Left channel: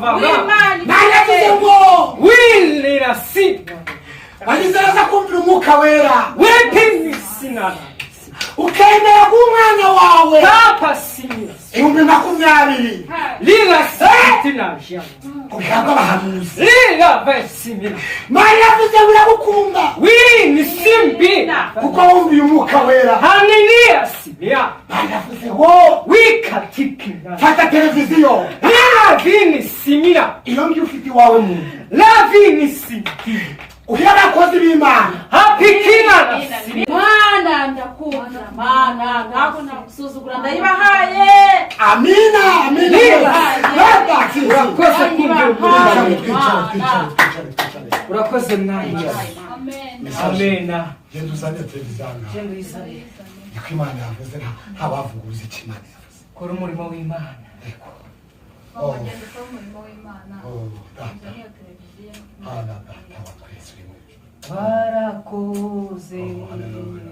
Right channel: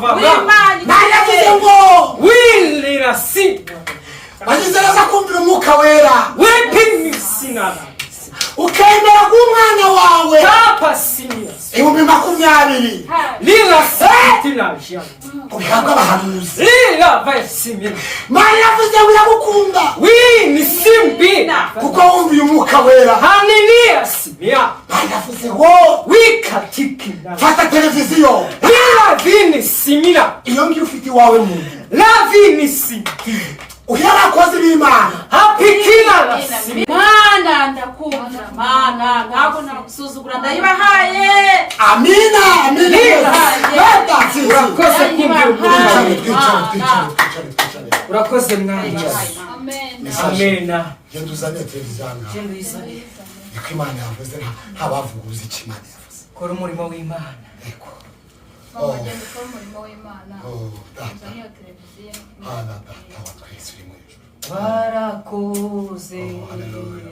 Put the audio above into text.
va. Oui, la si. Wajizeraza kumvira umwuka wera. Wepi sinara. Ukemera kumwana wawe. Kapa sinira. 2020. Lira sitina jya. Kubihabwa abahanuzi. Lira vesimira. Mari yavuze wiragukunda. Oui, ni simbi. Kuko wumviye umwuka wera. Haleluya simira. Mari yavuze wo. Oui katikina. Fata televiziyo. Lira vini simira. Iyo ngiyo ufite wawe mu. La vini simbi. Uyarakoze b'Imana. Hapikina. Mana ndakumva mana ngako nakusuzugura ndayibahaye. Amina amina. Urakoze kumvira. Twicare. Urakoze mwana. Amen. Amena. Genda uzane televiziyo. Genda uyizane. Niko Imana yavuze ntabavuguruza icyo Imana yavuze. Kora umurimo w'Imana. Eko. Wagenda ukora umurimo w'Imana. Data. Televiziyo. Data wa twese uri mu ijuru. Warakoze. Haleluya.